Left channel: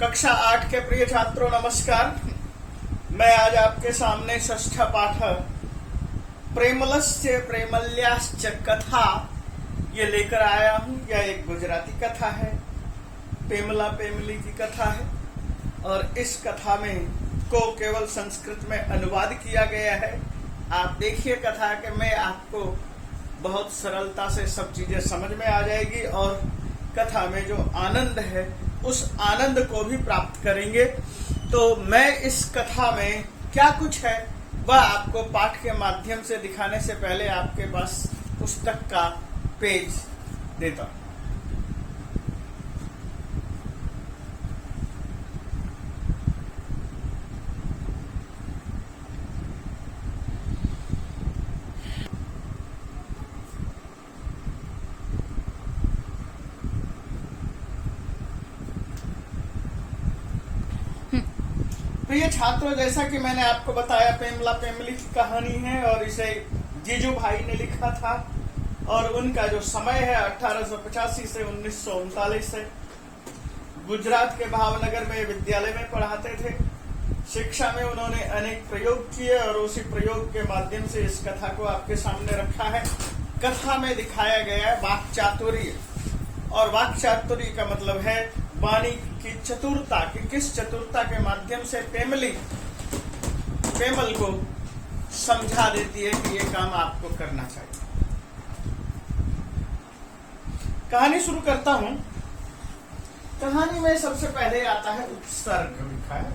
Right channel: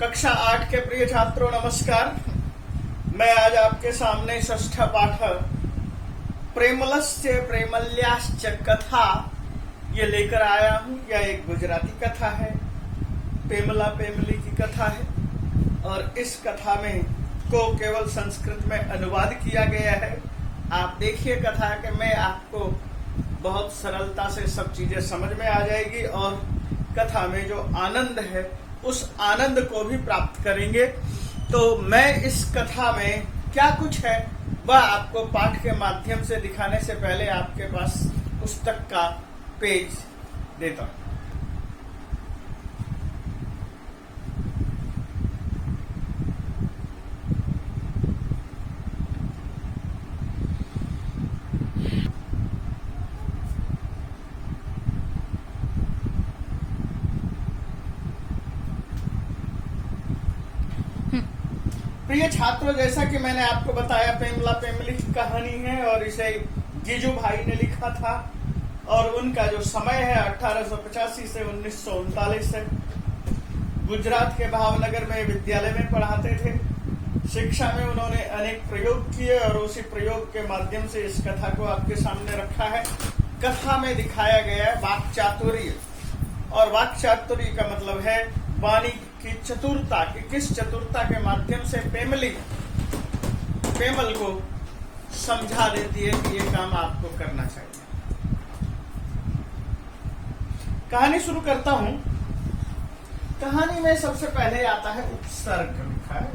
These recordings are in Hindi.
कक्षा 8 के प्रिय छात्रों नमस्कार। मैं आज आपके सामने षष्ठ पाठ प्रेमलस्य प्रेमल्याश्च कथा ये लेकर आया हूँ। यह एक गुजराती कथा है, प्रेमला प्रेमली की कथा है और इस कथा में को केवल संस्कृत में अनुवाद किया गया है। आप देखिए कथा के में आपको बहुत सरलता से सब चीजें समझ में आ जाएगी और कथा में जो आनंद है उस आनंद को भी प्राप्त करेंगे। तो मैं इस कथा में क्या कुछ है वह आपको पाठ के माध्यम से दिखाने से पहले आपके पास पुस्तक का पेज देता हूं। प्रिय छात्रों, जैसा कि मैंने आपको बताया प्रेमला प्रेमली की कहानी है और इसे जीजू भाई ने लिखा था और उनका जो समय है 1885 से 1939 है। गुजरात के भावनगर में विद्यालय में पढ़ाते थे। शिक्षा में उन्होंने अनेक प्रयोग किए और उसी प्रयोग के माध्यम से इस कथा को आपके सामने रखा है। कथा में दिखाया गया है वाक् चातुर्य और वाक् चातुर्य का मतलब है वाणी की चतुरता की किस चतुरता के माध्यम से प्रेमल को समझा देती है कि ये काम आपको करना चाहिए। कहानी शुरू करता हूं। कहानी में सबसे पहले आता है उपसर्ग लिखा है,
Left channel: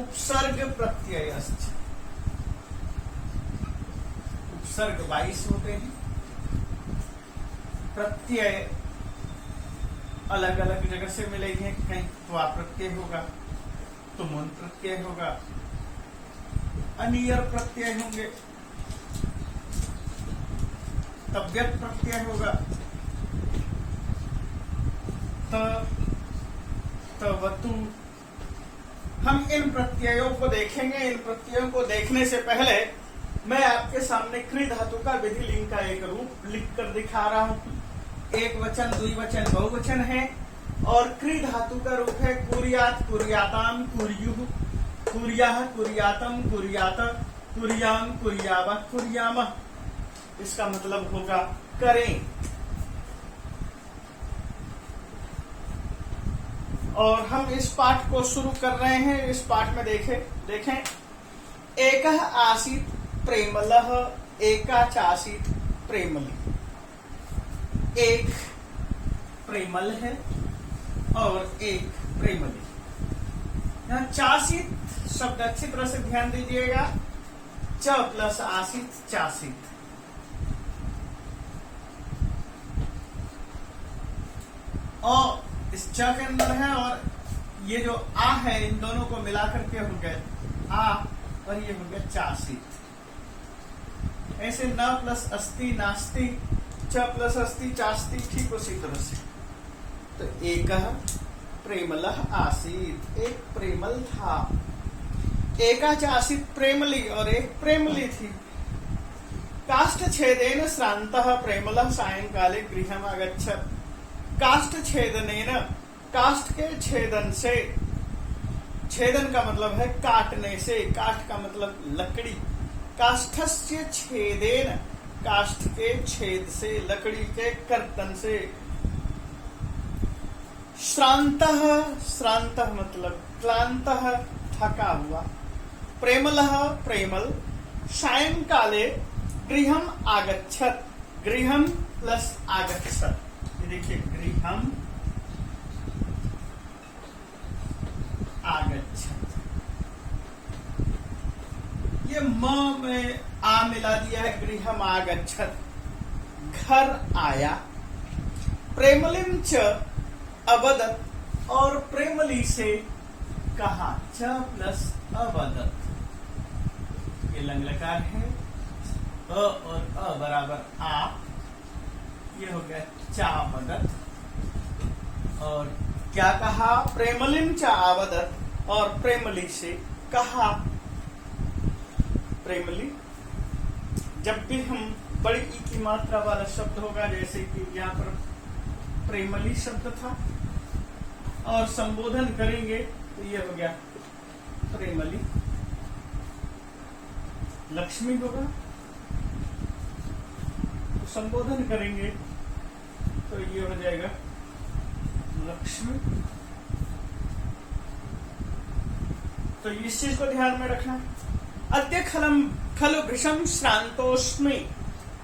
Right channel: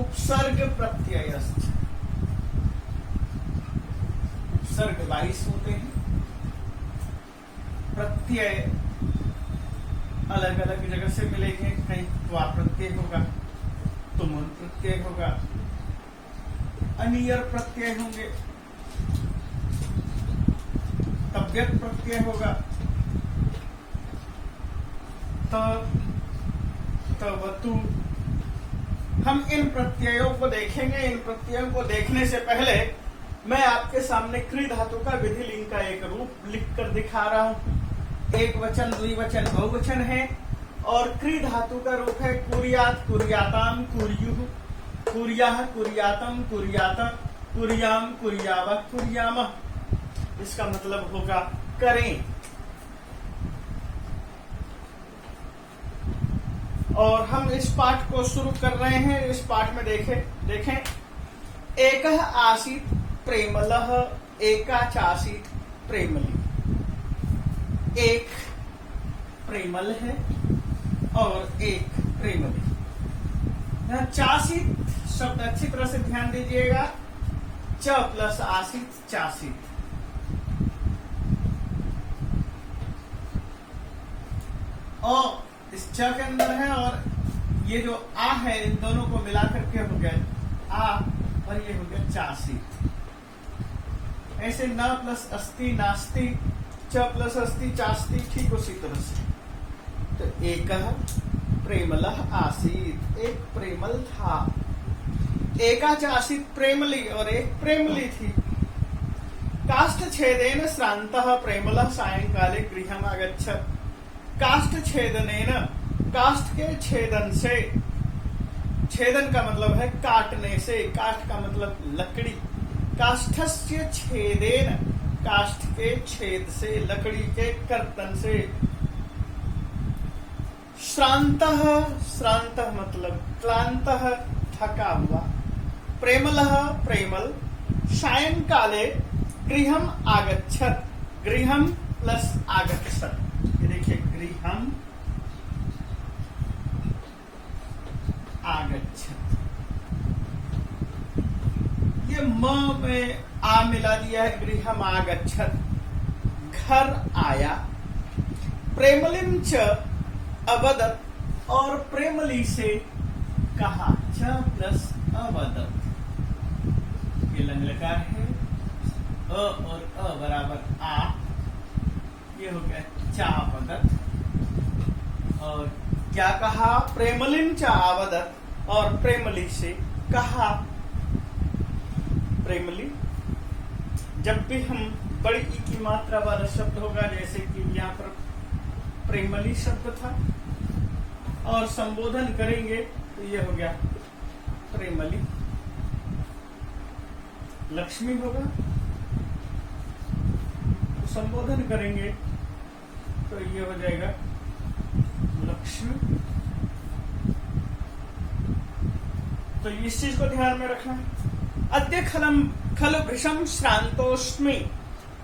उपसर्ग प्रत्ययश्च। उपसर्ग 22 होते हैं, प्रत्यय अलग अलग जगह से मिलेंगे। कहीं त्वा प्रत्यय होगा, तुमुन प्रत्यय होगा, अनियर प्रत्यय होंगे, तव्यत प्रत्यय होगा, तवतु। हम इन प्रत्ययों को देखेंगे। इन प्रत्ययों को देखने से पहले मैं आपके सामने क्री धातु का विधि लिंग का एक रूप लिखकर दिखा रहा हूं। एक वचन, द्विवचन, बहुवचन है और क्री धातु का रूप है कुर्यात, कुर्याताम, कुर्युः, कुर्याः, कुर्यातम, कुर्यात, कुर्याम, कुर्यावः, कुर्यामः। इसका मतलब होगा करें। और हम इस पाठ को शुरू कर रहे हैं। इस पाठ में देखें एकः आसीत् प्रेमलः, एका चासीत् प्रेमली। एक प्रेमल है और एक प्रेमली। यहाँ चासीत शब्द अच्छी तरह से ध्यान दीजिएगा। च प्लस आसीत चासीत। और इस च के अंदर है और ये जो आ है इन दोनों को मिला करके हो गया आ और ये हो गया चासीत। ऐसे न प्लस अस्ति नास्ति, च प्लस अस्ति चास्ति, ठीक उसी तरह से। तो एक प्रेमलः आसीत, एक प्रेमल था। एका चासीत प्रेमली और एक प्रेमली थी। काष्ठ छेदेन श्रान्तः प्रेमलः सायंकाले गृहम् आगच्छत्। काष्ठ छेदनेन, काष्ठ के छेदन से, छेदन का मतलब है काटने से, काष्ठ का मतलब लकड़ी। काष्ठस्य छेदेन, काष्ठ के छेद से, लकड़ी के कर्तन से। श्रान्तः, श्रान्तः मतलब क्लान्तः, थका हुआ। प्रेमलः, प्रेमल, सायंकाले गृहम् आगच्छत्। गृहम् प्लस आगच्छत्। देखिए गृहम् आगच्छत्। ये म में आ मिला दिया है। गृहम् आगच्छत्, घर आया। प्रेमलिं च अवदत् और प्रेमली से कहा। च प्लस अवदत्, ये लंगलकार है। अ और अ बराबर आ, ये हो गया चावदत्। और क्या कहा? प्रेमलिं च आवदत् और प्रेमली से कहा। प्रेमली, जब भी हम बड़ी ई की मात्रा वाला शब्द होगा, जैसे कि यहाँ पर प्रेमली शब्द था, और संबोधन करेंगे तो ये हो गया प्रेमली। लक्ष्मी होगा तो संबोधन करेंगे तो ये हो जाएगा लक्ष्मी। तो इस चीज को ध्यान में रखना। अद्य खलु भृशम श्रांतोष्मी।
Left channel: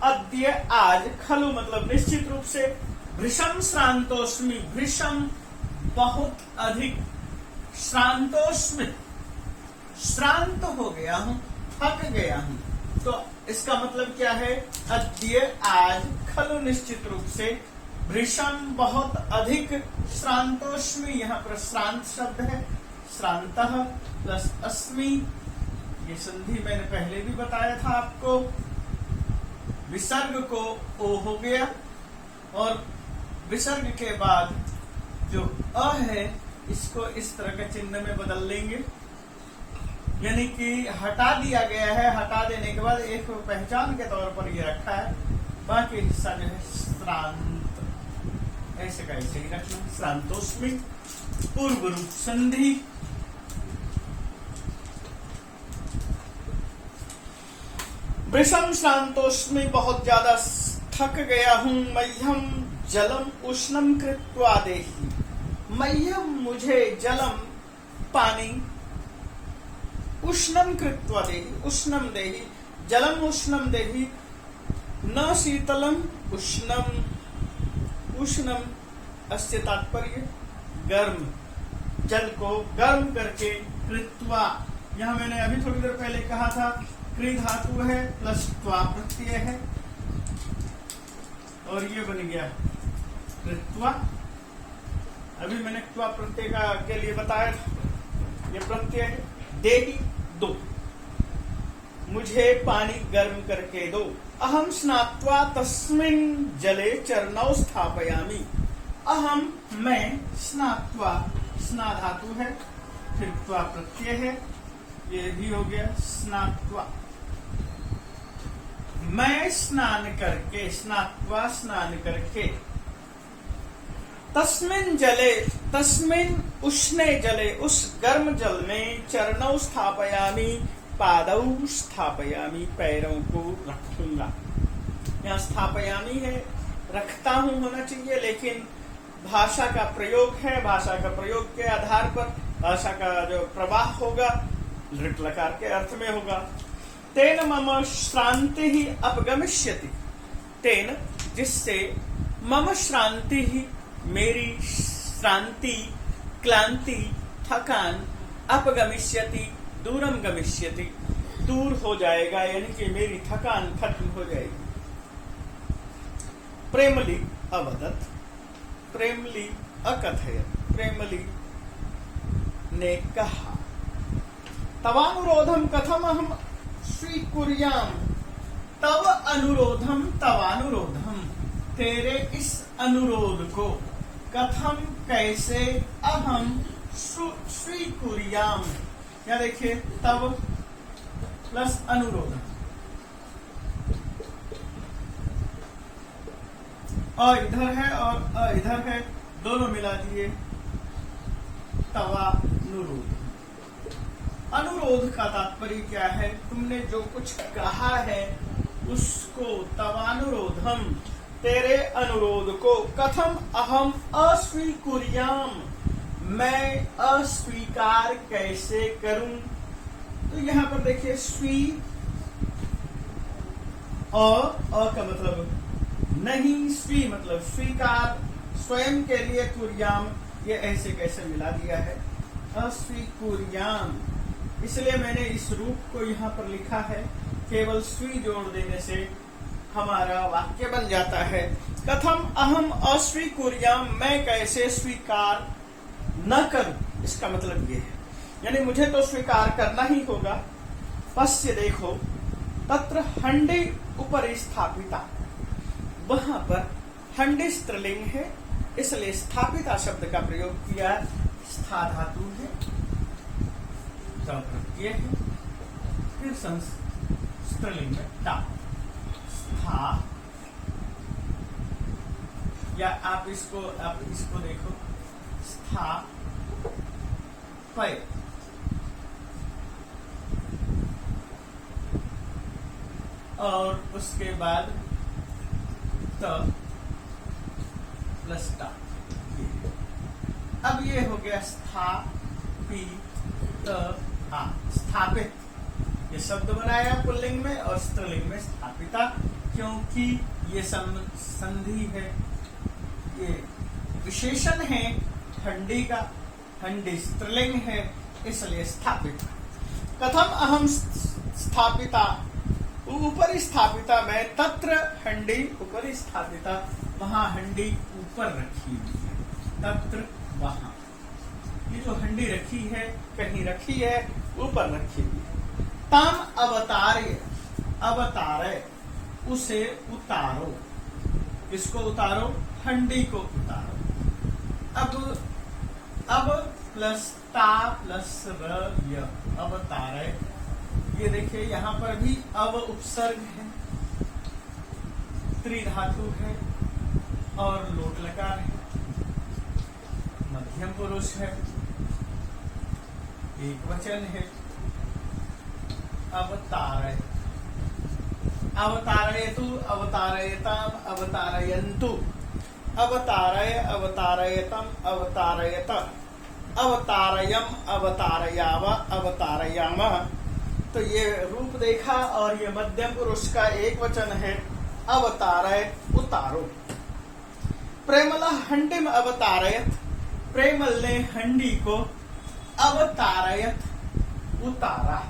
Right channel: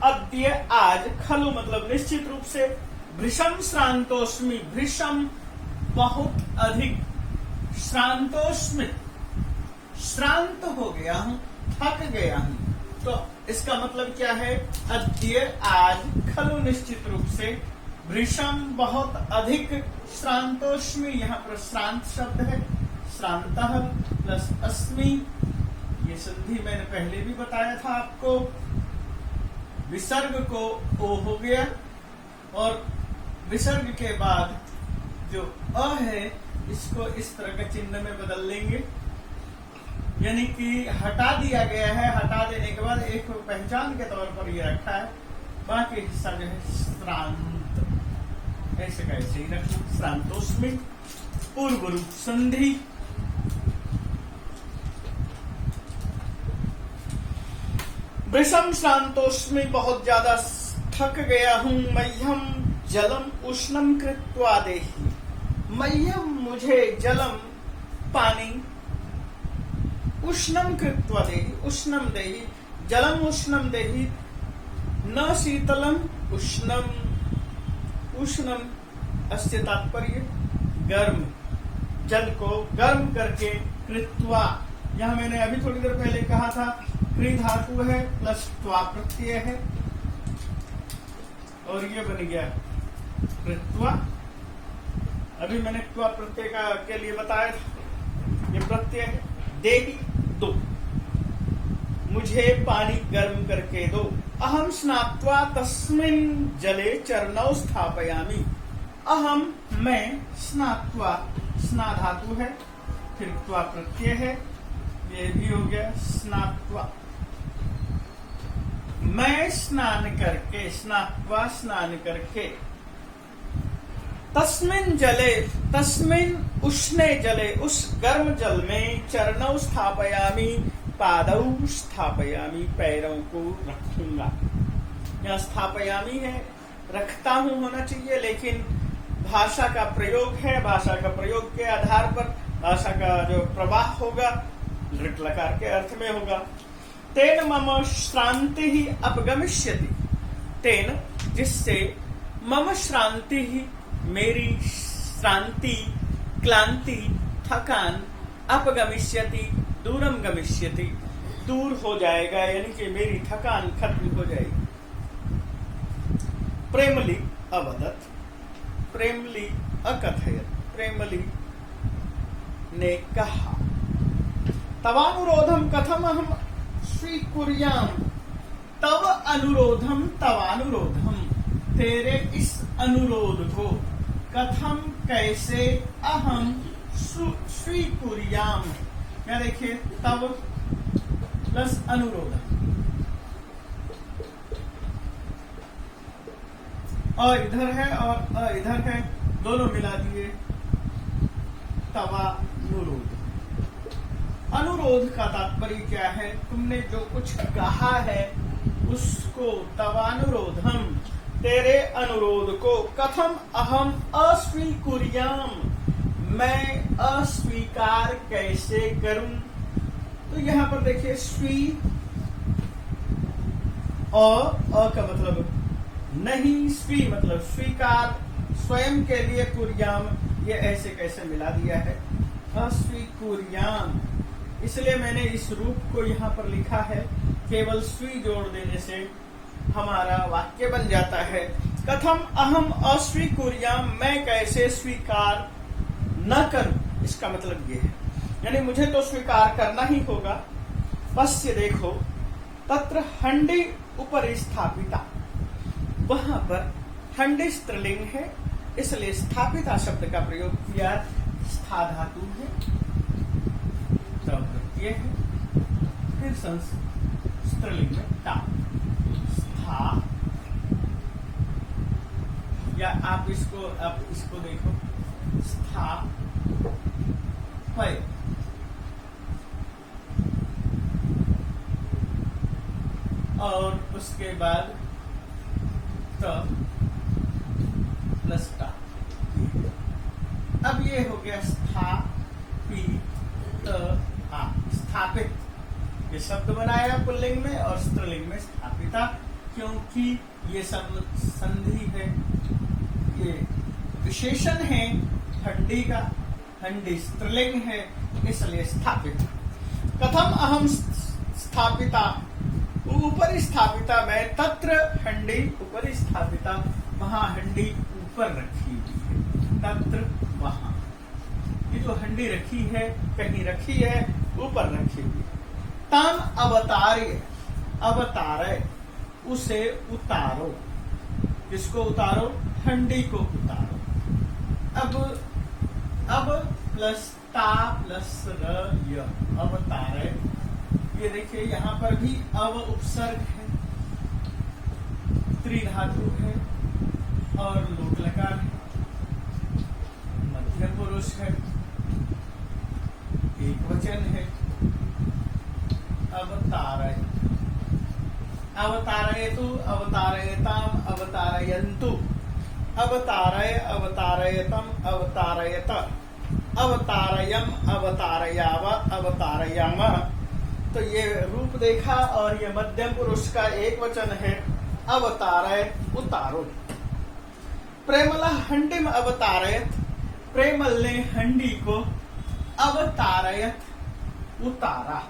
अद्य आज, खलु मतलब निश्चित रूप से, भृशम श्रांतोष्मी, भृशम बहुत अधिक, श्रांतोष्मी श्रांत हो गया हूं, थक गया हूं। तो इसका मतलब क्या है? अद्य आज, खलु निश्चित रूप से, भृशम बहुत अधिक, श्रांतोष्मी यहाँ पर श्रांत शब्द है, श्रांतः प्लस अस्मि, ये संधि मैंने पहले भी बताया था आपको। विसर्ग को ओ हो गया और विसर्ग के बाद जो अ है इसको इस तरह के चिन्ह में बदल लेंगे, यानी कि हटा दिया गया है। हटा देने के बाद एक पहचान के तौर पर ये रखा है, बाकी हिस्सा जो है श्रांत, ऐसे का ऐसे ही रखना। श्रांतोष्मी पूर्व रूप संधि। वृषम श्रांतोष्मी बहुत ज्यादा थक गया हूं। मह्यम जलम उष्णम कृत्वा देहि। मह्यम मुझे, जलम पानी, उष्णम कृत्वा देहि, उष्णम देहि, जलम उष्णम देहि, न शीतलम उष्णम, उष्णम अस्य तात्पर्य गर्म, जल को गर्म करके, कृत्वा, यहां मैंने अभी थोड़ी देर पहले कहा था क्री धातु है प्लस त्वा प्रत्यय है और ये बन गया कृत्वा। अभी मैंने त्वा प्रत्यय का के लिए बताया था, ये प्रत्यय है। देहि दो, मुझे पानी गर्म करके दो। अहम स्नात्वा तस्मिन् जले चरणौ स्थापयामि। अहम मैं, स्नात्वा स्ना धातु है, फिर त्वा प्रत्यय है, ये भी हो गया स्नात्वा। मैं स्नान करके, स्नात्वा स्नान करके, तस्मिन् जले, तस्मिन् उष्णे जले, उस गर्म जल में, चरणौ स्थापयामि, पादौ स्थापयामि, पैरों को रखूंगा। यहाँ स्थापयामि है, रखता हूं होना चाहिए, लेकिन भाषा का प्रयोग है, भाषा का प्रयोग के आधार पर भाषा का जो प्रवाह होगा लृट लकार के अर्थ में होगा। तेन मम श्रांति ही अपगमिष्यति। तेन जिससे, मम श्रांति ही मेरी श्रांति, क्लांति, थकान, अपगमिष्यति दूरम गमिष्यति दूर हो जाएगा, यानी कि मेरी थकान खत्म हो जाएगी। प्रेमली अवदत्, प्रेमली अकथयत्, प्रेमली ने कहा। तवानुरोधम कथम अहम स्वीकुर्याम। तव अनुरोधम, तवानुरोधम, तेरे इस अनुरोध को, कथम कैसे, अहम स्वीकुर्याम, या देखिए तव प्लस अनुरोध, और इधर है और इधर है, दोनों मिला दिए तवानुरोध। अनुरोध का तात्पर्य क्या है? तुमने जो कुछ कहा है उसको, तवानुरोधम तेरे अनुरोध को, कथम अहम अस्वीकुर्याम मैं अस्वीकार कैसे करूं। तो यहां पर देखिए स्वी और अ का मतलब नहीं, स्वी मतलब स्वीकार, स्वयं के लिए, कुर्याम ये ऐसे कैसे मिला दिया है, अस्वीकुर्याम। इसलिए मैंने इस रूप को यहाँ पर लिखा है, केवल स्वी जोड़ देने से हमारा वाक्य बन जाता है। कथम अहम अस्वीकुर्याम मैं कैसे स्वीकार न करूं, इसका मतलब ये है, यानी मुझे तो स्वीकार करना ही होगा। पश्य देखो, तत्र हंडी उपरि स्थापिता, वहां पर हंडी स्त्रीलिंग है, इसलिए स्थापिता शब्द का प्रयोग किया। स्था धातु है, प्रत्यय है, फिर स्त्रीलिंग में ता, स्था। या आप इसको देखो, स्थापय। और उसके बाद त प्लस टा। अब ये हो गया स्थापित। ये शब्द बनाया पुल्लिंग में और स्त्रीलिंग में स्थापिता, क्योंकि ये संधि है, ये विशेषण है हंडी का, हंडी स्त्रीलिंग है, इसलिए स्थापित। कथम अहम स्थापिता, ऊपरी स्थापिता मैं, तत्र हंडी ऊपरी स्थापिता, वहां हंडी ऊपर रखी हुई है, तत्र वहां। ये जो हंडी रखी है, कहीं रखी है, ऊपर रखी हुई है। तम अवतार्य, अवतारे, उसे उतारो। किसको उतारो? हंडी को उतारो। अब प्लस ता प्लस र य, अवतारे। ये देखिए यहाँ पर भी अव उपसर्ग है, त्रिधातु है और लोट लकार है, मध्यम पुरुष है, एक वचन है। अवतारय, अवतारयतु, अवतारयताम, अवतारयन्तु, अवतारय, अवतारयतम, अवतारयत, अवतारयम, अवतारयाव, अवतारयाम। तो ये रूप देखा और ये मध्यम पुरुष का एक वचन है, अवतारय, उतारो। प्रेमल हंडिम अवतारयत, प्रेमल ने हंडी को अवतारयत, उतारा।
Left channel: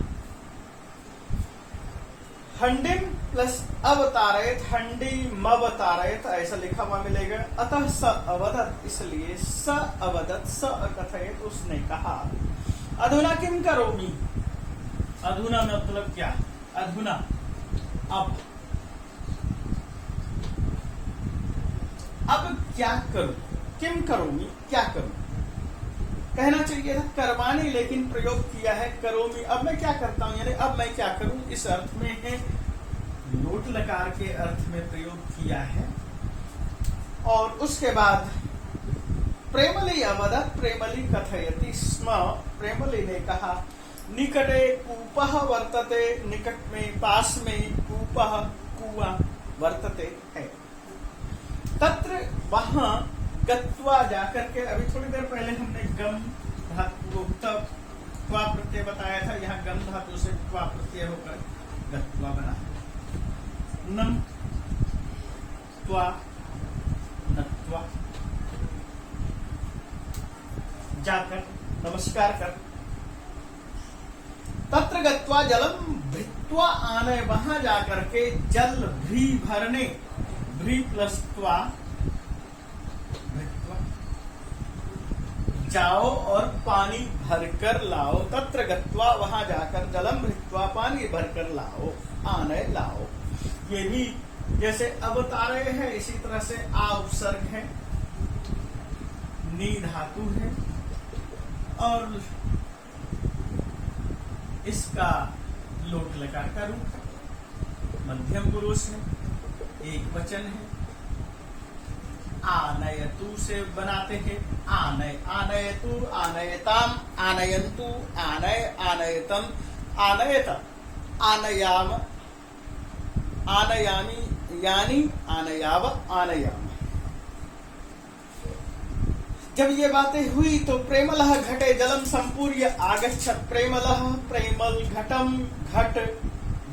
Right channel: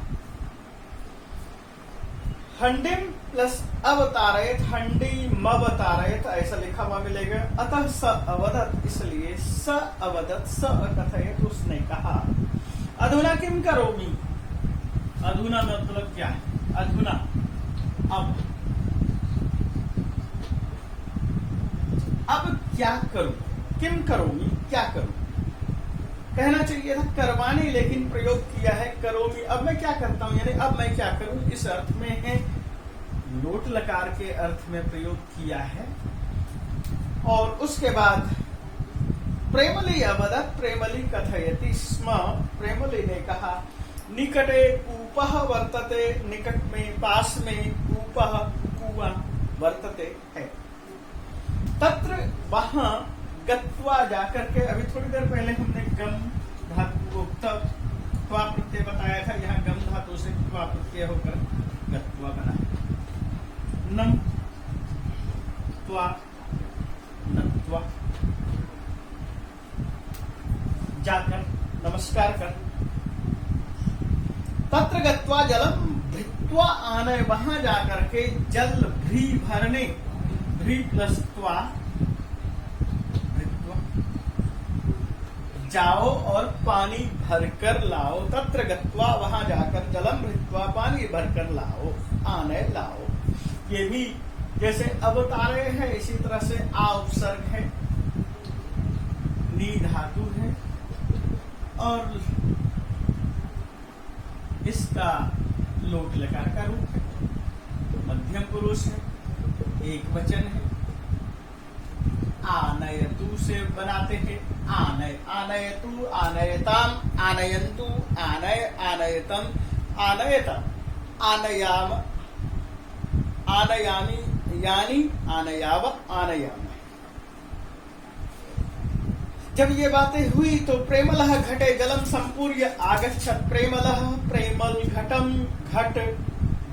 हंडिम प्लस अवतारयत, हंडी मवतारयत, ऐसा लिखा हुआ मिलेगा। अतः स अवदत, इसलिए स अवदत, स अकथयत, उसने कहा। अधुना किम करोमि, अधुना मतलब क्या? अधुना, अब क्या करूं? किम करोमि, क्या करूं? कहना चाहिए था करवाने, लेकिन प्रयोग किया है करोमि। अब मैं क्या करता हूं, यानी अब मैं क्या करूं, इस अर्थ में है, लोट लकार के अर्थ में प्रयोग किया है। और उसके बाद प्रेमली अवदत, प्रेमली कथयति स्म, प्रेमली ने कहा। निकटे कूपः वर्तते, निकट में, पास में, कूपः कुआं वर्तते है। तत्र वहां गत्वा जाकर के, अभी थोड़ी देर पहले हमने गम धातु को त्वा प्रत्यय बताया था, यहाँ गम धातु से त्वा प्रत्यय होकर गत्वा बना। नम त्वा नत्वा, जाकर, नमस्कार कर। तत्र गत्वा जलम भृत्वा आनय, वहां जाकर के जल भी भरने, भी प्लस त्वा, जाओ और पानी भरकर लाओ। तत्र गत्वा, वहां जाकर, जलम भृत्वा, पानी भरकर लाओ, आनय लाओ। ये भी जैसे अवतारे है, इसी तरह से आ उपसर्ग है, नी धातु है और इसका लोट लकार का रूप है, मध्यम पुरुष है, एक वचन है। आनयतु से बनाते हैं, आनय, आनयतु, आनयताम, आनयन्तु, आनय, आनयतम, आनयत, आनयाम, आनयामी, यानी, आनयाव, आनयाम। जब ये बातें हुई तो प्रेमलः घटे जलम संपूर्य आगच्छत, प्रेमलः, प्रेमल, घटम, घट,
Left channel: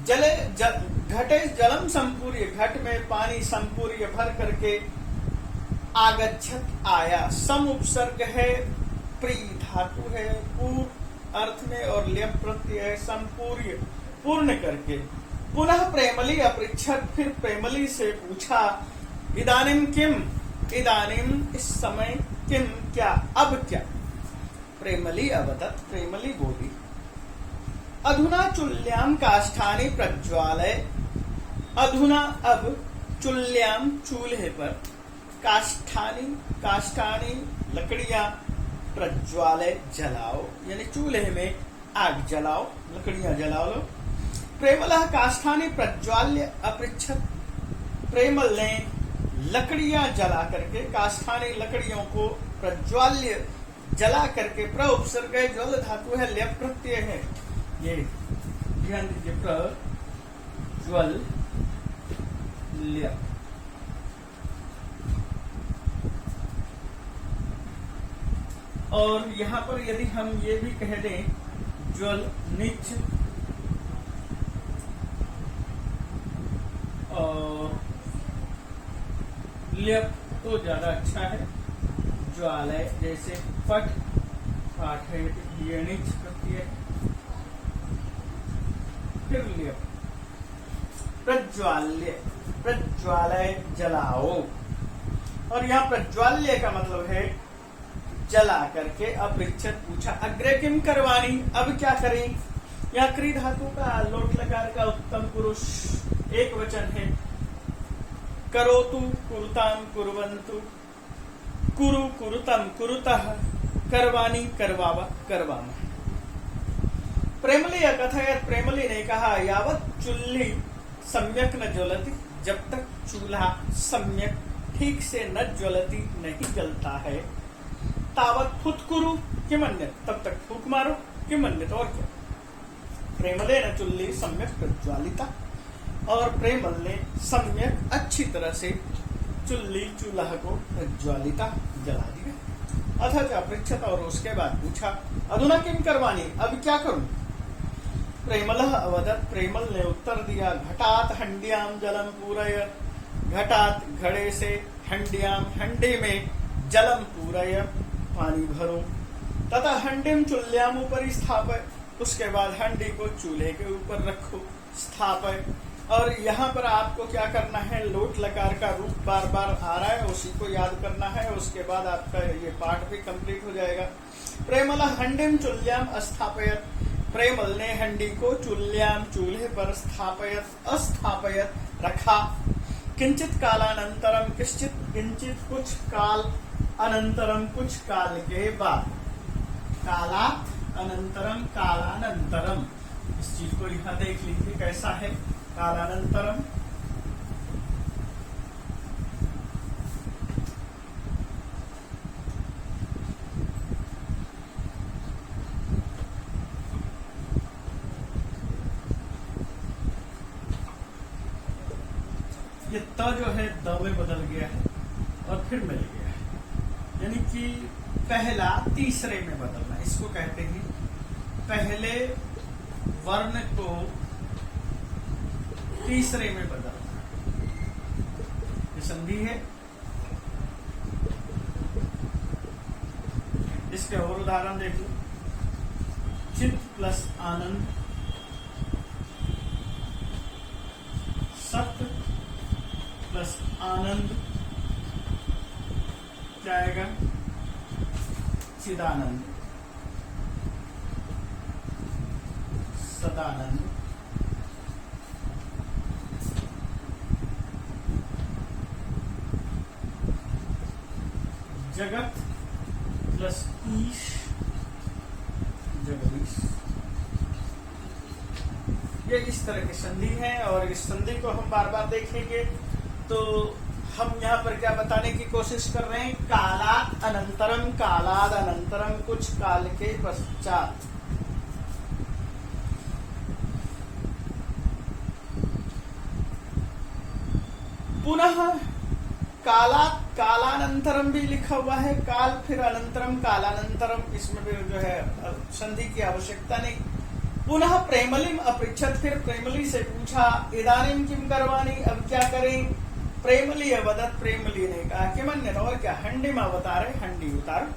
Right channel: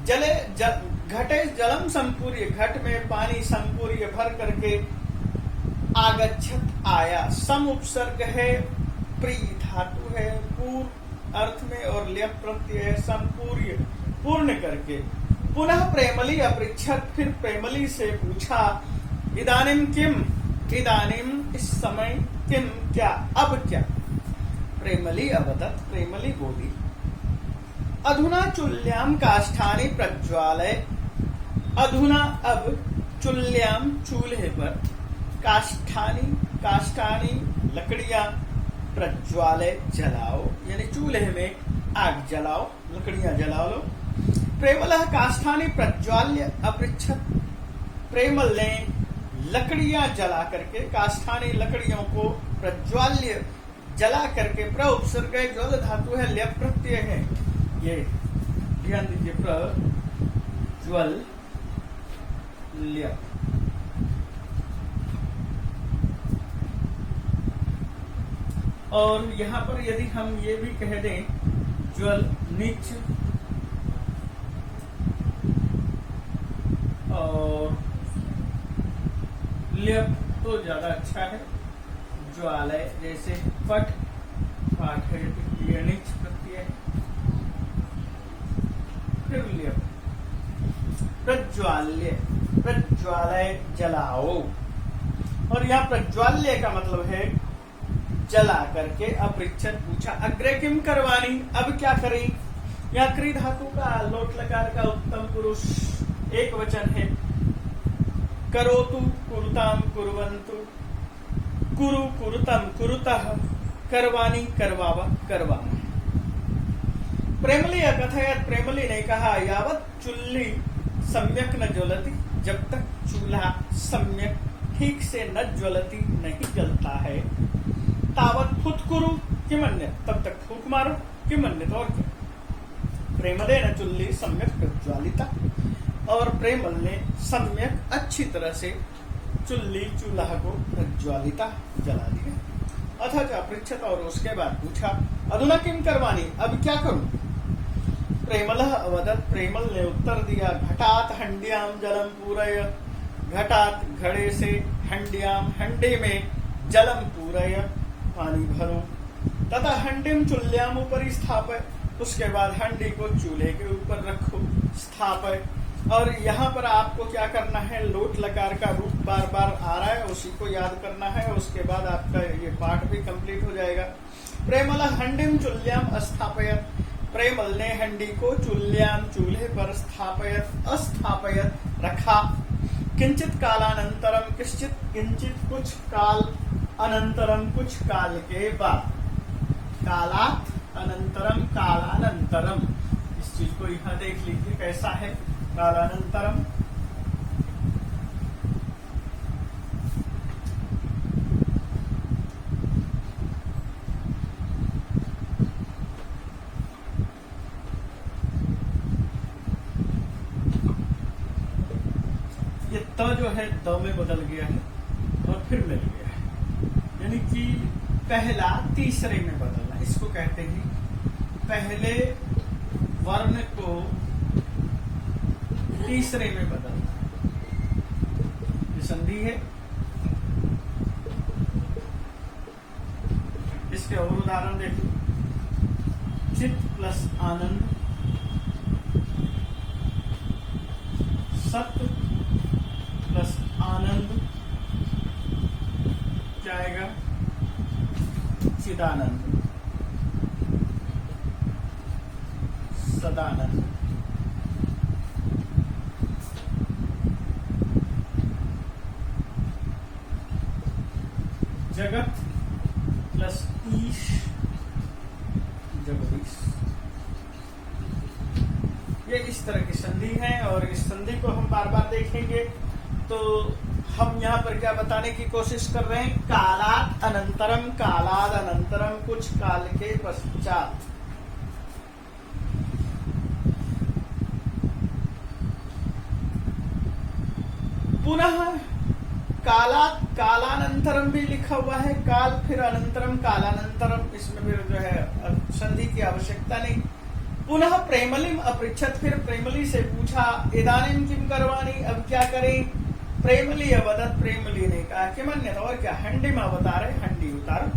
जले, घटे जलम संपूर्य, घट में पानी संपूर्य भर करके, आगच्छत आया। सम उपसर्ग है, प्री धातु है, पूर्व अर्थ में, और ल्यप प्रत्यय है, संपूर्य, पूर्ण करके। पुनः प्रेमली अपृच्छत, फिर प्रेमली से पूछा। इदानीम किम, इदानीम इस समय, किम क्या, अब क्या? प्रेमली अवदत, प्रेमली बोली। अधुना चुल्याम काष्ठानि प्रज्वालय, अधुना अब, चुल्याम चूल्हे पर, काष्ठानी, काष्ठानी लकड़ियां, प्रज्वालय जलाओ, यानी चूल्हे में आग जलाओ, लकड़ियां जला लो। प्रेमलः काष्ठानी प्रज्वाल्य अपृच्छत, प्रेमल ने लकड़ियां जला करके, काष्ठानी लकड़ियों को प्रज्वाल्य जला करके, प्र उपसर्ग है, ज्वल धातु है, ल्यप प्रत्यय है, ये ध्यान दीजिए, प्रज्वल ल्यप। और यहां पर यदि हम ये भी कह दें ज्वल नीच और ल्यप तो ज्यादा अच्छा है। ज्वालय जैसे पट पाठ है, ये नीच प्रत्यय है, फिर ल्यप। प्रज्वाल्य, प्रज्वालय जलाओ, और यहाँ प्रज्वाल्य का मतलब है जला करके। अपृच्छत पूछा, अग्रे किम करवानी, अब क्या करें। यहाँ क्री धातु का लोट लकार का उत्तम पुरुष एक वचन है। करोतु कुरुताम कुर्वन्तु, कुरु कुरुतम कुरुतः, करवानी करवावा करवाना। प्रेमली अकथयत, प्रेमली ने कहा, यावत चुल्ली सम्यक न ज्वलती, जब तक चूल्हा सम्यक ठीक से न ज्वलती नहीं जलता है, तावत फुत्कुरु किमन्यत, तब तक फूक मारो, किमन्यत और क्या। प्रेमले न चुल्ली सम्यक प्रज्वालिता, और प्रेमल ने सम्यक अच्छी तरह से चुल्ली चूल्हा को प्रज्वालिता जला दिया। अथ च अपृच्छत, और उसके बाद पूछा, अधुना किम करवानी, अब क्या करूं। प्रेमलः अवदत्, प्रेमल ने उत्तर दिया, घटात हंड्याम जलम पूरय, घटात घड़े से, हंड्याम हंडे में, जलम पूरय पानी भरो, तथा हंडिम चुल्याम ऊपर स्थापय, उसके बाद हंडी को चूल्हे के ऊपर रखो, स्थापय। और यहाँ पर आपको क्या करना है, लोट लकार का रूप बार बार आ रहा है, उसी को याद करना है, उसके बाद आपका ये पाठ भी कंप्लीट हो जाएगा। प्रेमल हंडिम चुल्याम अस्थापयत, प्रेमल ने हंडी को चुल्याम चूल्हे पर स्थापयत अस्थापयत रखा। किंचित कालानंतरम, किंचित किंचित कुछ काल, अनंतरम कुछ काल के बाद, काला अनंतरम कालानंतरम, इस चीज को यहां देख लीजिए कैसा है कालानंतरम। ये त जो है द में बदल गया है और फिर मिल गया है, यानी कि पहला तीसरे में बदलना, इसको कहते हैं पहले वर्ण को तीसरे में बदलना। ये संधि है, इसके और उदाहरण देखिए, चित प्लस आनंद, सत प्लस आनंद जाएगा चिदानंद, सदानंद। जगत प्लस ईश, जगदीश। ये इस तरह की संधि है, और इस संधि को हम बार बार देखेंगे। तो हम यहाँ पर क्या बताने की कोशिश कर रहे हैं, कालाद अनंतरम, कालाद अनंतरम कुछ काल के पश्चात। पुनः कालात कालानंतरम भी लिखा हुआ है, काल फिर अनंतरम कालानंतरम, इसमें भी जो है संधि की आवश्यकता नहीं। पुनः प्रेमलिम अपृच्छत, फिर प्रेमली से पूछा, इदानीम किम करवानी, अब क्या करें। प्रेमली अवदत, प्रेमली ने कहा कि मन्यत, और क्या, हंडी में अवतारे, हंडी उतार,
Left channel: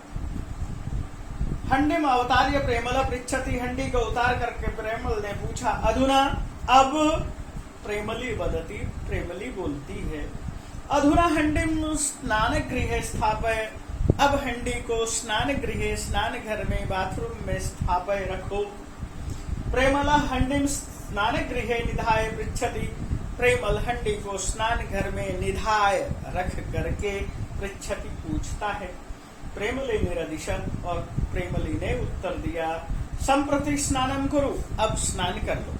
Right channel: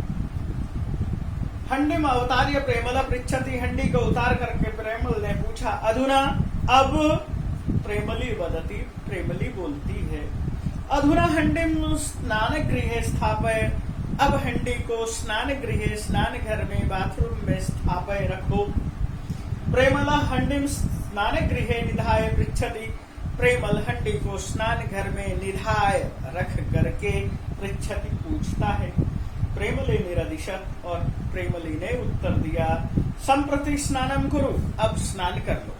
हंडी में अवतार्य प्रेमल पृच्छति, हंडी को उतार करके प्रेमल ने पूछा, अधुना, अब। प्रेमली वदती, प्रेमली बोलती है, अधुना हंडिम स्नान गृह स्थापय, अब हंडी को स्नान गृह, स्नान घर में, बाथरूम में स्थापय रखो। प्रेमला हंडिम स्नान गृह निधाय पृच्छति, प्रेमल हंडी को स्नान घर में निधाय रख करके पृच्छति पूछता है। प्रेमली निरदिशत, और प्रेमली ने उत्तर दिया, संप्रति स्नानम कुरु, अब स्नान कर लो।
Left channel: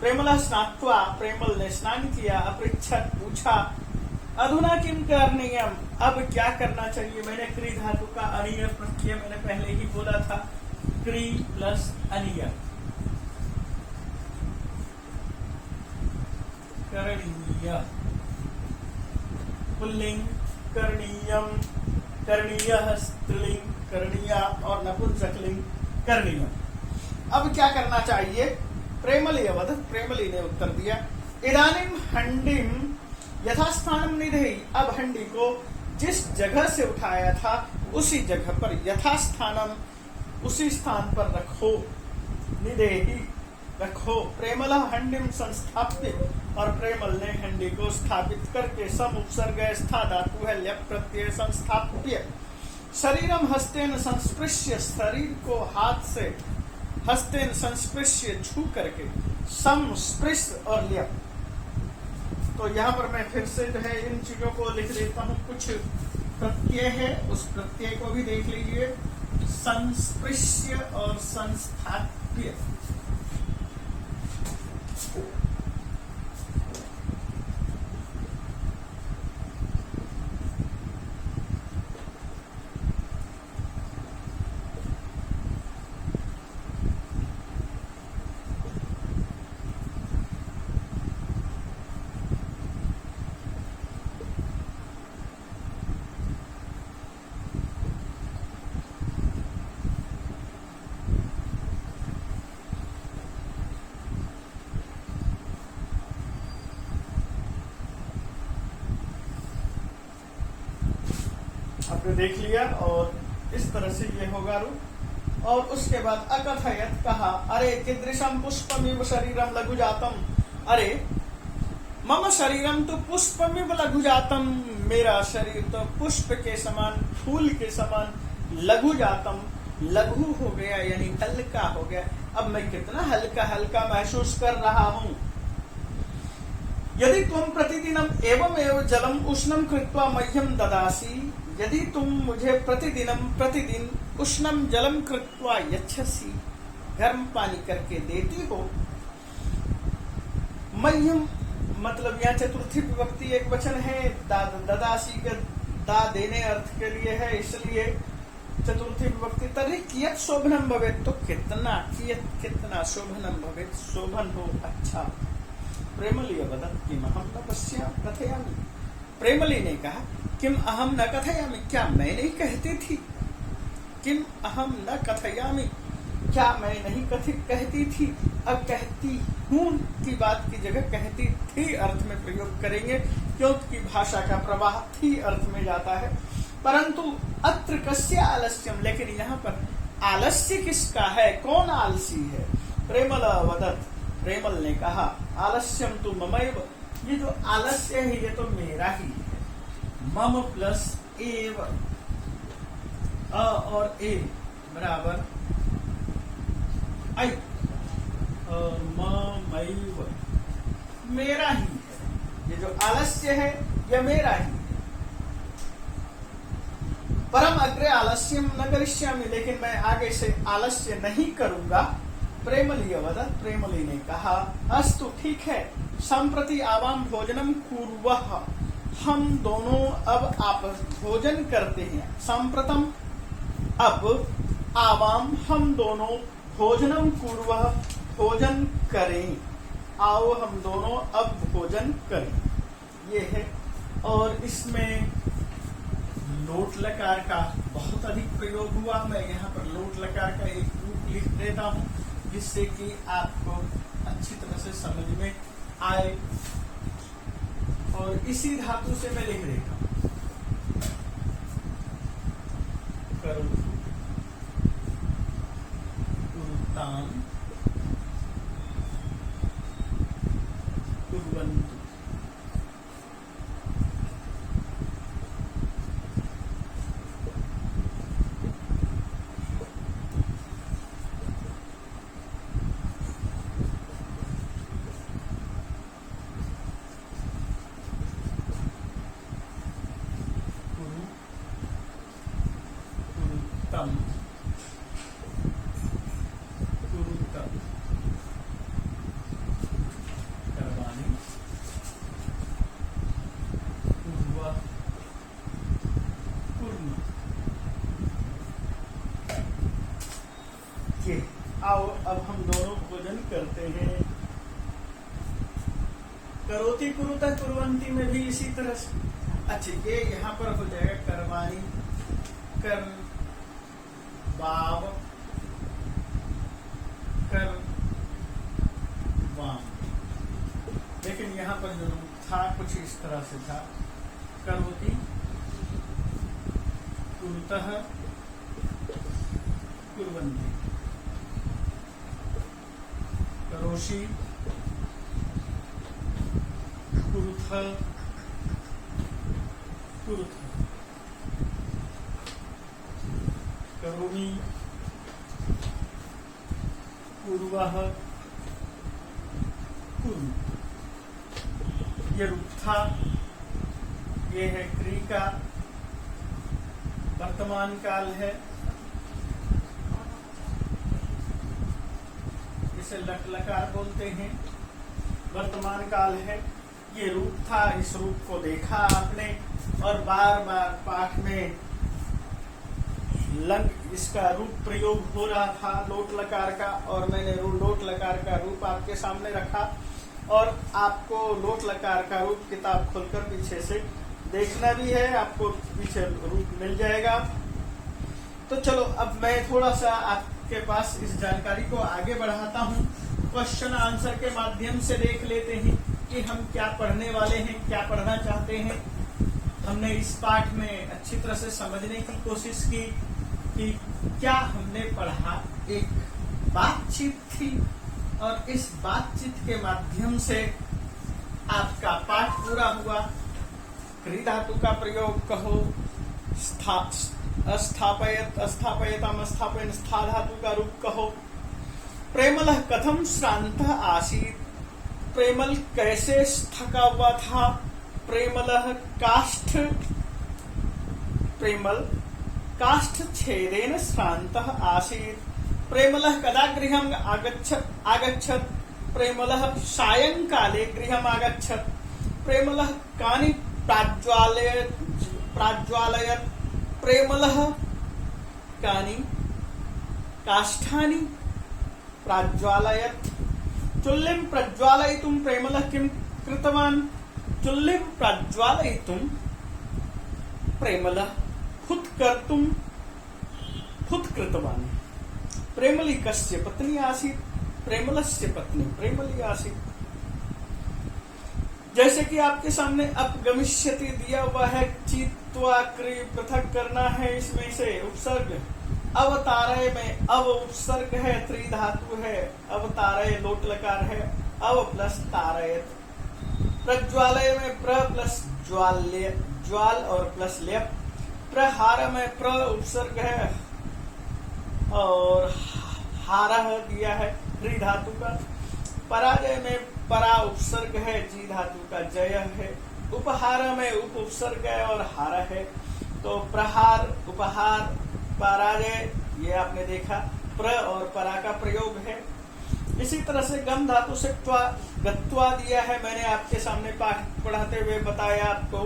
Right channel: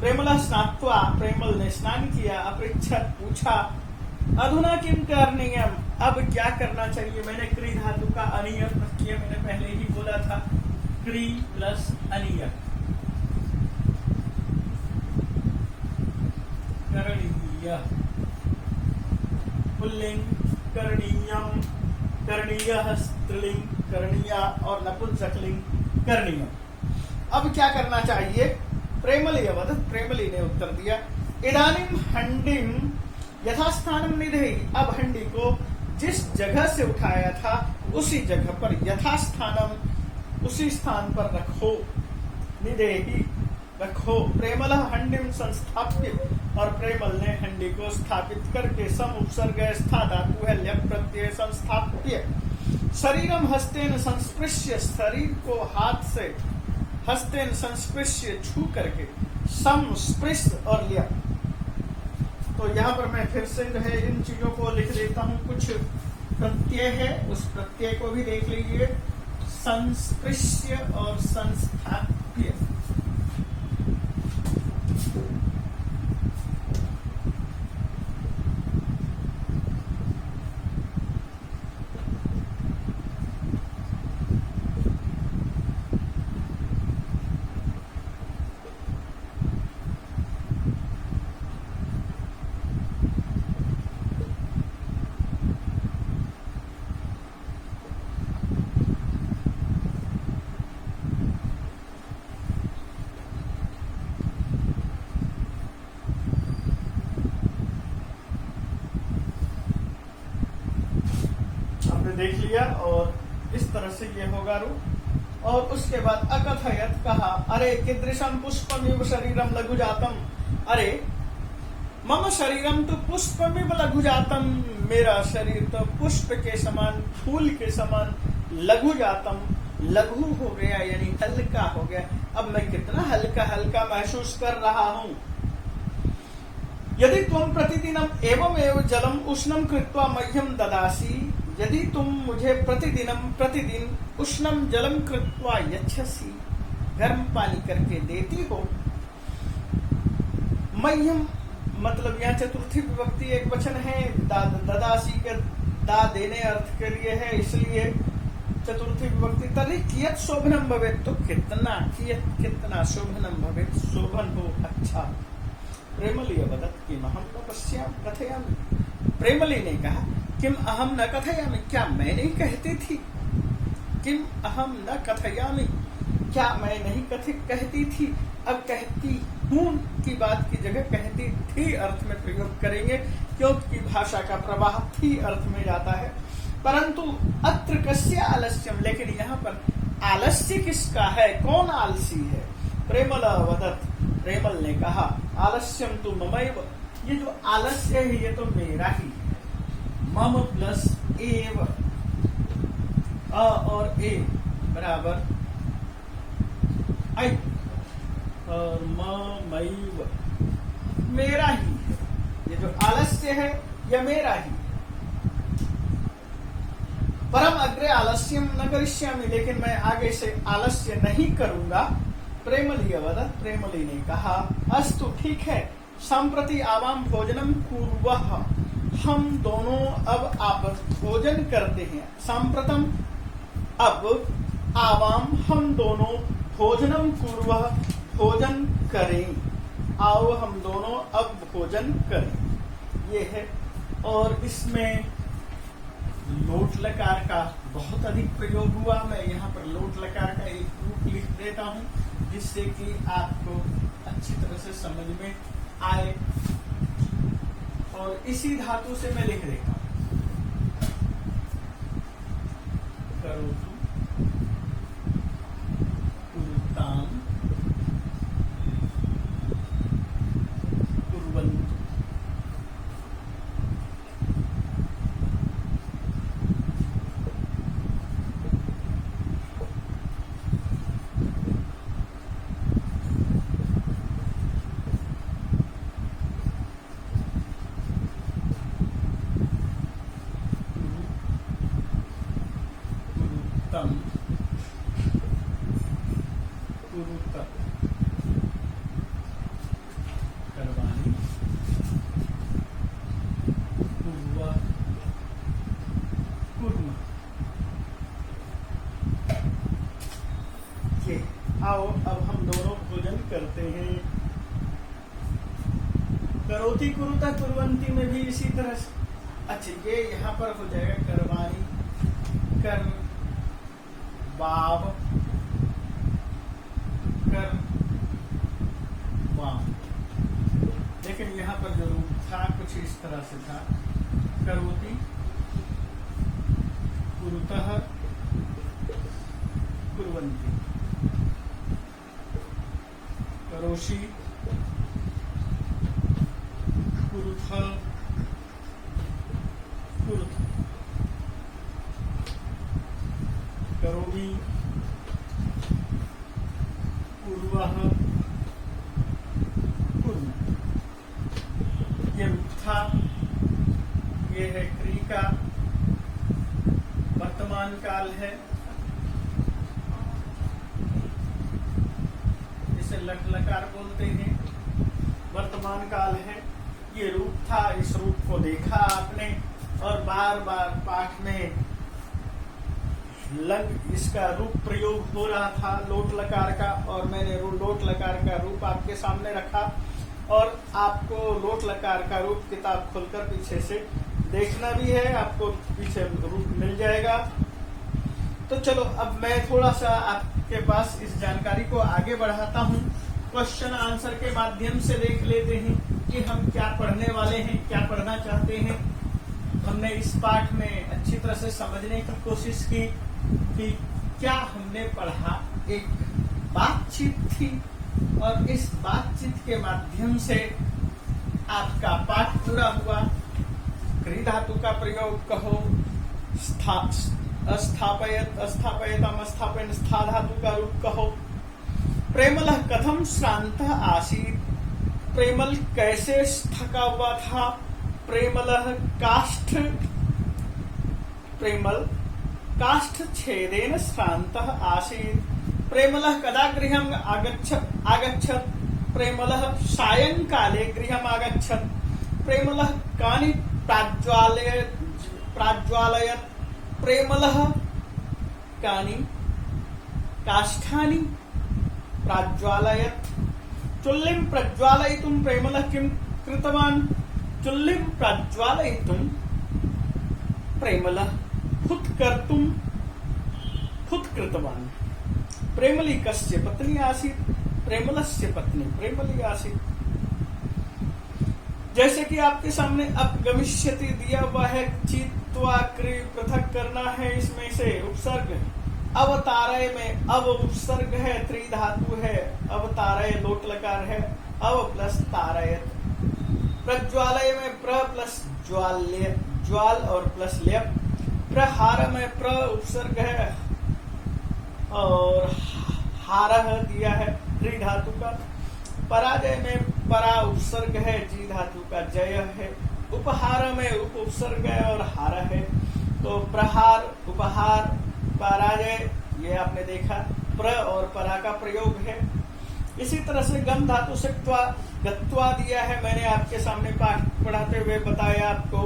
प्रेमला स्नात्वा, प्रेमल ने स्नान किया, अपृच्छत पूछा, अधुना किम करणीयम, अब क्या करना चाहिए। मैंने क्री धातु का अनीय प्रत्यय मैंने पहले ही बोला था, क्री प्लस अनीय, करणीय, पुल्लिंग करणीयम, करणीय स्त्रीलिंग करणीया और नपुंसकलिंग करणीय। अब क्या करना चाहिए। प्रेमली अवध, प्रेमली ने उत्तर दिया, इदानीम हंडिम यथास्थानम निधेहि, अब हंडी को जिस जगह से उठाया था उसी जगह पर यथास्थानम, उसी स्थान पर रखो, निधेहि रखो। प्रेमल हंडिम संस्थाप्य, और प्रेमल ने हंडी को स्थापित करके सम उपसर्ग स्था धातु है ल्यप प्रत्यय संस्थाप्य, शरीरम हस्तेन संस्पृश्य, शरीर को हाथ से हस्तेन संस्पृश्य छू करके, सम स्पृश और ल्यप। तो यहाँ पर मैं फिर से जो है इन चीजों को लिख देता हूँ। कुछ प्रत्यय है, उस प्रत्यय को भी देख लीजिए, संस्पृश्य और संस्थाप्य। देख लिया, और इस तरह से ये होगा रूप। और उसके बाद अकथयत कहा, अरे कीदृशम पुष्पमिव शरीरम लघु जातम, अरे मम शरीरम तो पुष्पमिव लघु जातम, मेरा शरीर तो पुष्प के समान, फूल के समान, लघु जातम, लघु हो गया यानी हल्का हो गया। अब मैं कितना हल्का हल्का महसूस कर रहा हूँ। यदि तुम प्रतिदिनम एवं एवं जलम उष्णम कृत्वा मह्यम ददासी, यदि तुम मुझे प्रतिदिन उष्णम जलम कृत्वा यच्छसि, गर्म पानी करके देती हो। मह्यम मतलब यहाँ चतुर्थी विभक्ति एक वचन है, ददासी के दा देने अर्थ के लिए है, इसलिए चतुर्थी विभक्ति। तर्हि कियत् शोभनम भवेत्, तो कितना, कितना शोभनम भवेत्, शोभन हो, अच्छा। प्रेमली वदत् किम अहम न पश्यामि कथयामि, प्रेमली ने कहा किम अहम न कथयामि, क्या मैं नहीं कहती थी। किम अहम न कथयामि, क्या मैं नहीं कहती थी। अब कहती हूँ की बात की जगह कहती थी अर्थ में प्रयोग करेंगे, क्योंकि भाषा का प्रवाह थी अर्थ में जाता है। परंतु अत्र कस्य आलस्यम, लेकिन यहाँ पर आलस्य किसका है, कौन आलसी है। प्रेमल वदत्, प्रेमल ने कहा, आलस्यम तु ममैव, ये जो आलस्य है ये तो मेरा ही है। मम प्लस एव, अ और ए बराबर आई, और ममैव मेरा ही है। ये जो आलस्य है ये मेरा ही है। परम अग्रे आलस्यम न करिष्यामि, लेकिन मैं आगे से आलस्य नहीं करूंगा। प्रेमली अवदत्, प्रेमली ने कहा, अस्तु ठीक है, संप्रति आवाम भोजनम कुर्वः, हम दोनों अब आप भोजन करते हैं। संप्रतम अब, आवाम हम दोनों, भोजनम कुर्वः भोजन करें, आओ हम दोनों अब भोजन करें, ये है। और इसमें लोट लकार का बहुत अधिक प्रयोग हुआ। मैं यहाँ पर लोट लकार का एक रूप लिख देता हूँ, जिससे कि आपको अच्छी तरह से समझ में आए। और इसी धातु से मैं लिख देता हूँ, करोतु, कुरुताम, कुर्वन्तु। ये आओ अब हम दोनों भोजन करते हैं। करोति कुरुता कुर्वन्ति में भी इसी तरह से। अच्छा, ये यहाँ पर हो जाएगा कर्माणि, कर वाव कर वाम। लेकिन यहाँ पर जो था कुछ इस तरह से था, करोति कुरुतः कुर्वन्ति, करोषि कुरुथ कुरुथ, करोमि कुर्वः कुर्मः। ये रूप था, ये है क्रिया का वर्तमान काल है, इसे लट लकार बोलते हैं, वर्तमान काल है। ये रूप था, इस रूप को देखा आपने और बार बार पाठ में इसका रूप प्रयोग हो रहा था लोट लकार का, और मैंने लोट लकार का रूप आपके सामने रखा और आपको लोट लकार का रूप किताब खोलकर पीछे से देखना भी है, आपको पीछे रूप मिल जाएगा। तो चलो अब मैं थोड़ा सा आपके पास इस जानकारी को आगे बढ़ाता हूँ। क्वेश्चन आंसर के माध्यम से देख लेते हैं कि हम क्या पढ़ने वाले हैं, क्या पढ़ना चाहते हैं। हमने इस पाठ में अच्छी तरह से समझने की कोशिश की कि क्या हमने पढ़ा। एक बातचीत थी और इस बातचीत के माध्यम से आपका पाठ पूरा हुआ। क्रि धातु का प्रयोग कहो, स्थापयत स्थापयतम स्थापयन, स्था धातु का रूप कहो। प्रेमलः कथम श्रान्तः आसीत्, प्रेमल कैसे थका हुआ था। प्रेमलः प्रेमल काष्ठ छेदेन श्रान्तः आसीत्। प्रेमलः कदा गृहम् आगच्छत्। प्रेमलः सायंकाले गृहम् आगच्छत्। प्रेमलः कानि प्राज्वालयत्। प्रेमलः कानि काष्ठानि प्राज्वालयत्। चुल्लिं प्रज्वालयितुं प्रेमलः किं कृतवान्। चुल्लिं प्रज्वालयितुं प्रेमलः हुत् कृतवान्। प्रेमली कस्य पत्नी आसीत्। प्रेमलस्य पत्नी प्रेमली आसीत्। जैसे कि आपके सामने अब गमिष्यति दिया हुआ है, चित्वा क्रि पृथक करना है। इसमें से उपसर्ग अवतारय में अव उपसर्ग है, त्रि धातु है, अवतारय लोट लकार है, अव प्लस तारयत। प्रज्वालय में प्र प्लस ज्वाल्य, ज्वाल और प्लस लेप। प्रहार में प्र उपसर्ग है और हारह दिया है त्रि धातु का। पराजय में परा उपसर्ग है, जी धातु का जय है। उपहार में उप उपसर्ग है और हार है। तो प्रहार, उपहार, पराजय, ये आपने देखा प्र और परा का प्रयोग है। इसी तरह से गम धातु से गत्वा दिया है, मैंने आपके सामने पाठ पढ़ाते हुए बताया आपको।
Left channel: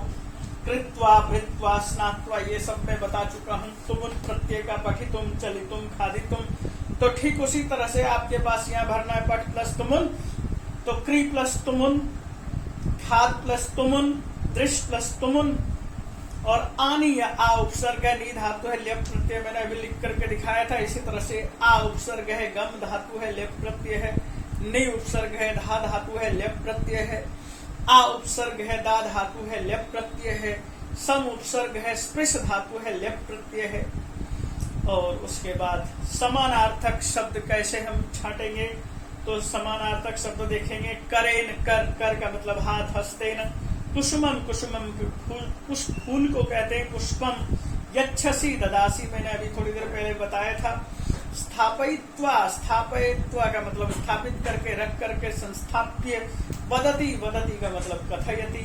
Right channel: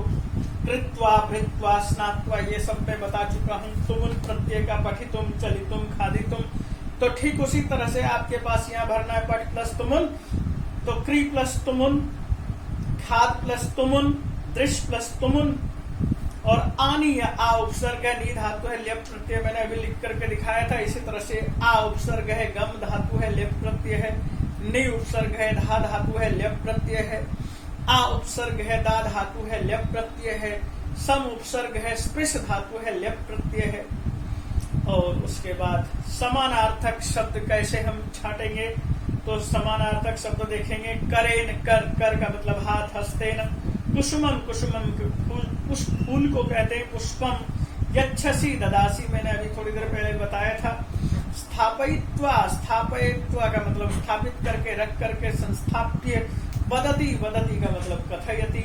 कृत्वा, भृत्वा, स्नात्वा, ये सब मैं बता चुका हूँ। तुमुन प्रत्यय का पठितुम, चलितुम, खादितुम। तो ठीक उसी तरह से आपके पास यहाँ भरना है पठ प्लस तुमुन, तो क्री प्लस तुमुन, खाद प्लस तुमुन, दृश प्लस तुमुन और आनी या आ उपसर्ग है, नी धातु है, लेप प्रत्यय मैंने अभी लिख करके दिखाया था। इसी तरह से आ उपसर्ग है, गम धातु है, लेप प्रत्यय है। नी उपसर्ग है, धा धातु है, लेप प्रत्यय है। आ उपसर्ग है, दा धातु है, लेप प्रत्यय है। सम उपसर्ग है, स्पृश धातु है, लेप प्रत्यय है। और उसके बाद समानार्थक शब्द कैसे हम छाटेंगे, तो समानार्थक शब्द देखेंगे। करेन, कर का मतलब हाथ, हस्तेन। कुसुमम, कुसुमम फूल को कहते हैं पुष्पम। यच्छसि, ददासी, मैंने अभी थोड़ी देर पहले बताया था। स्थापयित्वा, स्थापयित्वा का मतलब स्थापित करके, रख करके। संस्थाप्य। वदति, वदति का मतलब कथयति।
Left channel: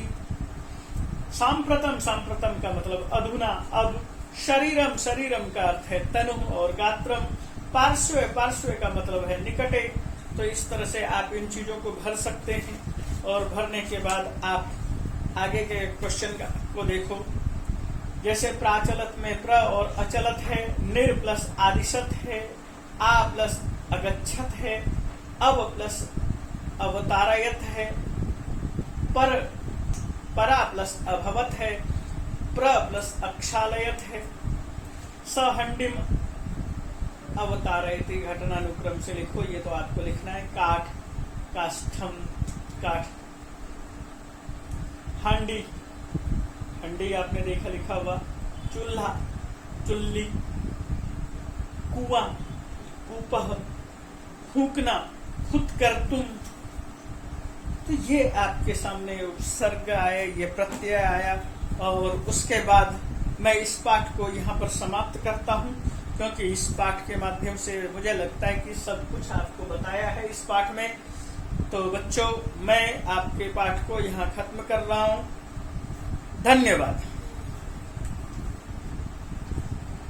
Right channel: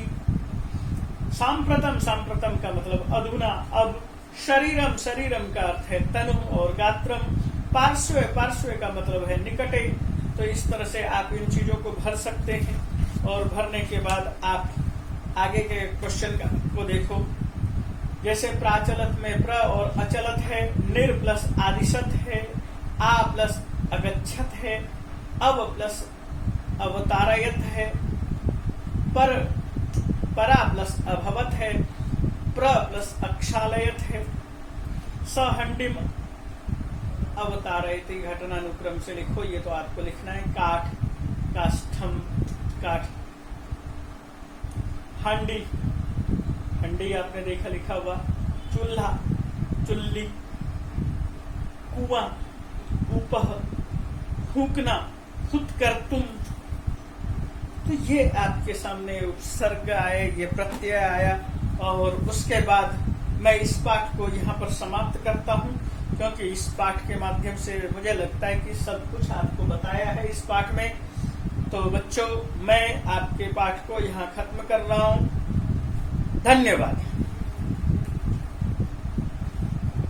सांप्रतम, सांप्रतम का मतलब अधुना, अब। शरीरम, शरीरम का अर्थ है तनु और गात्रम। पार्श्व, पार्श्व का मतलब है निकटे। तो इस तरह से आप इन चीजों को भर सकते हैं और भरने के बाद आप आगे के क्वेश्चन को देखो। जैसे प्राचलत में प्र और अचलत है, निर प्लस आदिशत है, आ प्लस अगच्छत है, अब प्लस अवतारयत है, परा प्लस अभवत है, प्र प्लस अक्षालयत है, सहंडिम अवतारयति घटनानुक्रम से लिखो, ये तो आपको लिखना है। काठ, काष्ठम, काठ। हांडी, हंडी आपने देखा लिखा हुआ। चूल्हा, चुल्ली। कुआं, कूपह। फूकना, हुत्कर्तुम। तो ये आपके सामने उपसर्ग आए, ये प्रत्यय आया, और उसके बाद मैं इस पाठ को यहाँ पर समाप्त करता हूँ, क्योंकि इस पाठ के माध्यम से मुझे लगता है कि सब कुछ आपको बताया है इस पाठ में। तो बच्चों, मैं आपके पाठ को यहाँ खत्म कर रहा हूँ। धन्यवाद।